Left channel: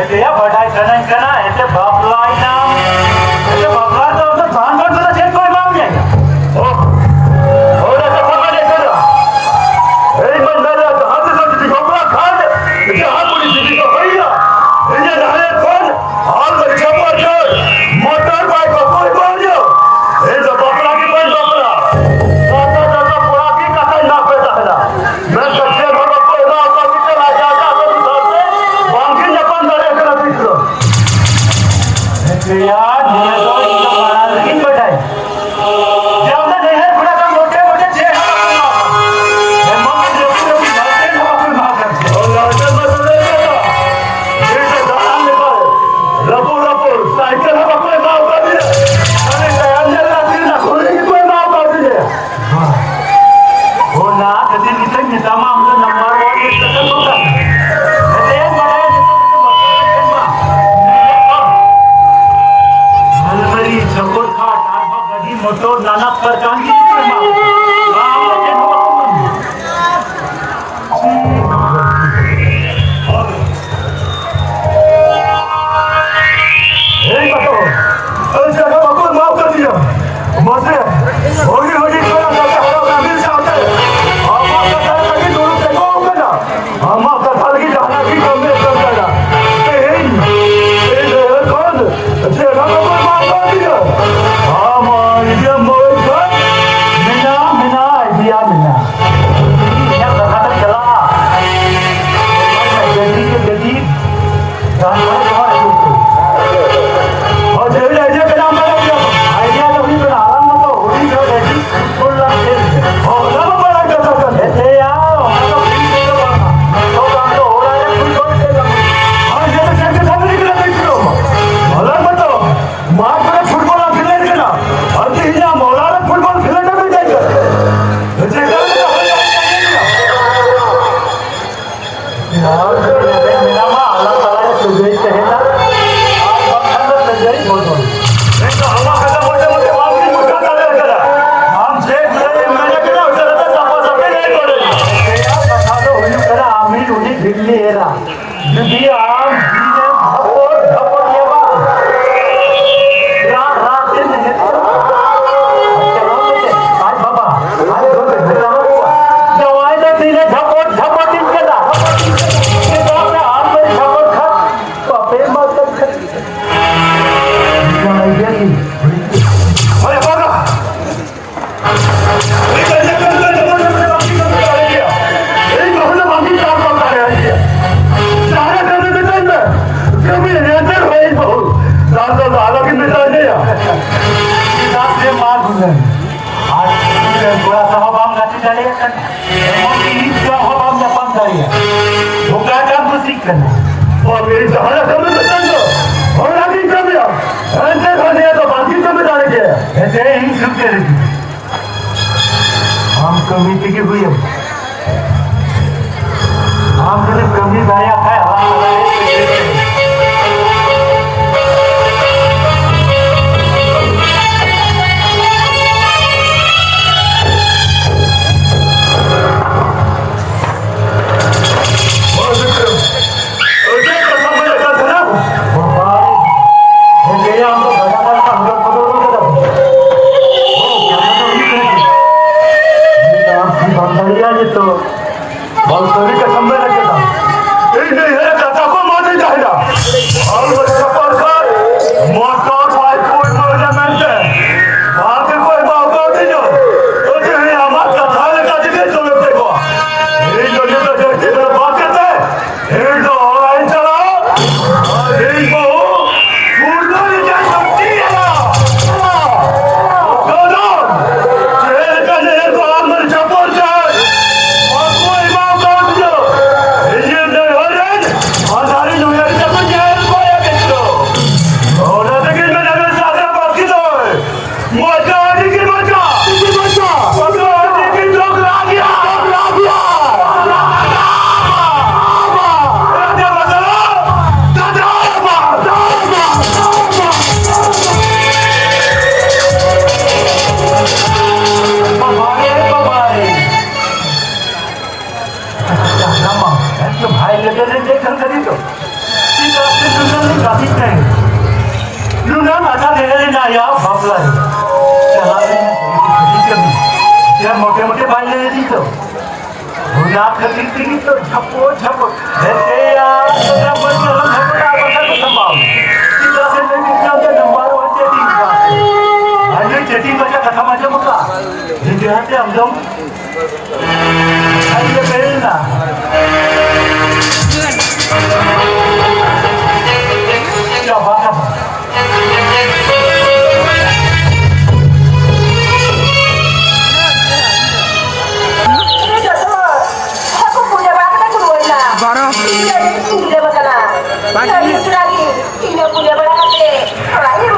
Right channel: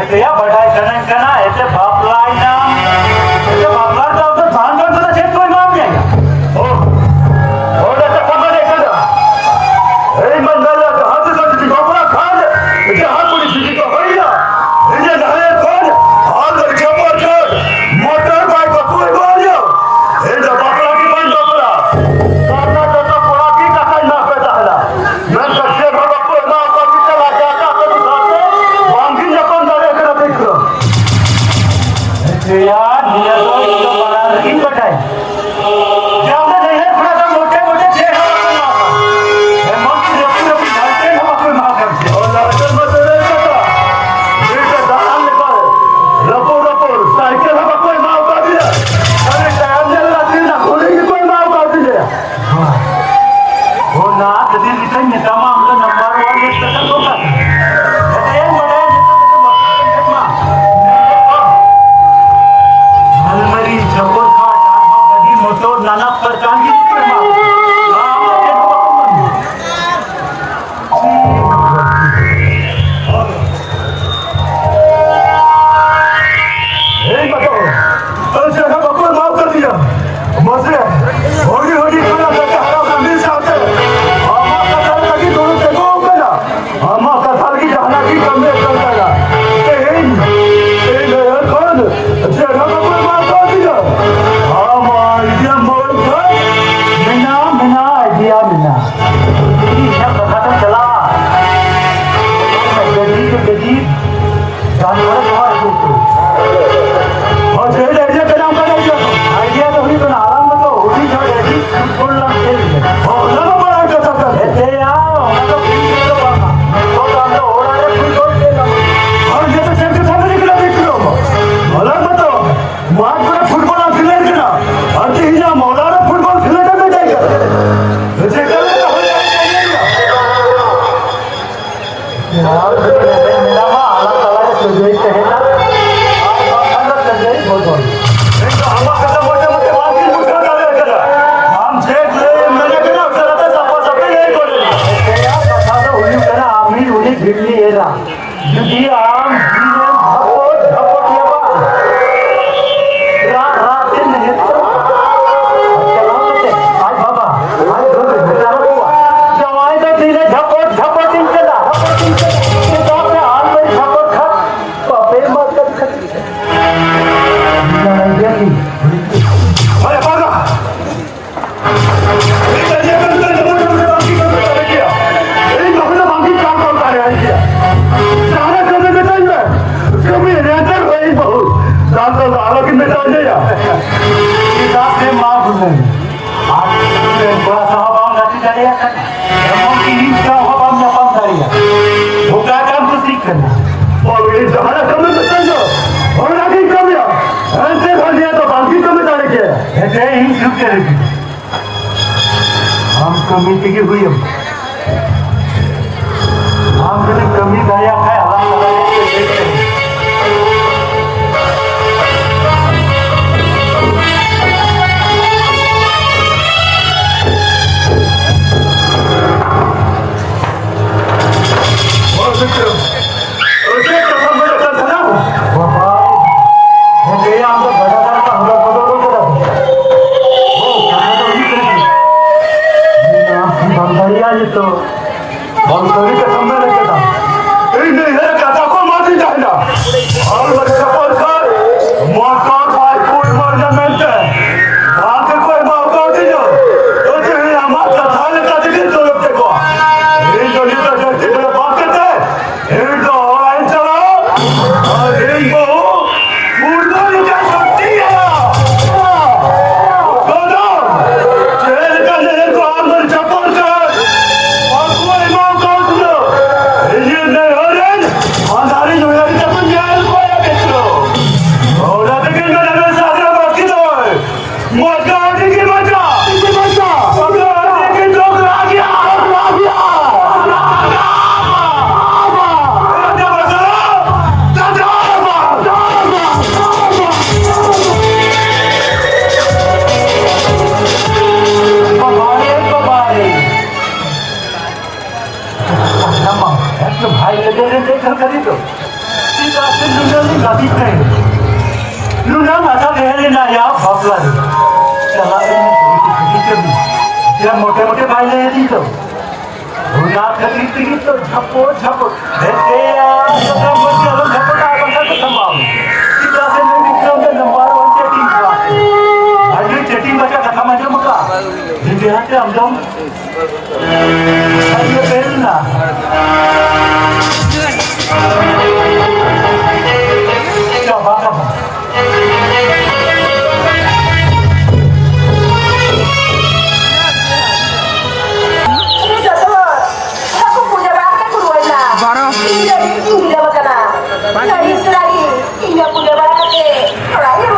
એટલે યા બઢાઈ કના એટલે બાપલાઈ નામ એટલે બાપલા તો ભાન ભાન તો છે કોઈ માં આવી ગયા ઓ ઓડા તો સમાજે કદા એ મન મેલા તો હાથ સંગી બાપલા ખાન કે હાથ પૂરી દીદી તો હોઈયા એ જાણે કોણ હાલ પર જબર કર મોટર બાઈક પર કોઈ માર્યો એ તો બાપલા की पण बापला तो पूरा भी कसाई ना करता हला मैं सच्चे बाबा को ना का भी चला जाता तो साथे बांगी ने पण दरे कर बिकलो यार ये तो बड़ा की बटाई जब नहीं है थोड़ा सा मोटे मोटे छे है मम्मी देखी तो जानते ना कोई मार करते और लड़के मत ले लेता ये तो दाल निकाल रबो रबो साइकिल में कोई मार कर दिया अरे टायर ने लगी ना कोई कोई मार कर दिया हां वो ना कभी किसी मिटामा हमला नंबर 1 लिस्ट कर होता है बड़े हलमरी झकोर खाट आठवा गधी मोटोर नाना प्रकारची कमिटी की हुई हम कभी कमी दया है तो बंसरी के समय लगेगा एक नहीं है दादा को मार नहीं जाएगा और सपोर्ट कर मोटर बाइक फुट टूर्नामेंट है आगे कोई मौका नहीं है तो जो है हमारा थाने का दिखे तो लोग देखो ये जो ये तो जो मेरा बात करते हैं एक तो ऑनलाइन चलो और एक को फूटना नहीं जा सकती है दोनों चेहरे का नहीं तो आगे सपोर्ट कर भाई लगे देखकर करी तो Luna mata kaya na ya babla. Chala dia moटे-मोटे पाले dito. Luna khatir dito झपो. Dete ya kita boleh orang झपो tak akan sambal. Kita sendiri kita number 1 chatting ka. Aje chatting baca kata macam maka. Jadi hati amdom. Aje belna. Coba. Ini punya barang kate. Orang ini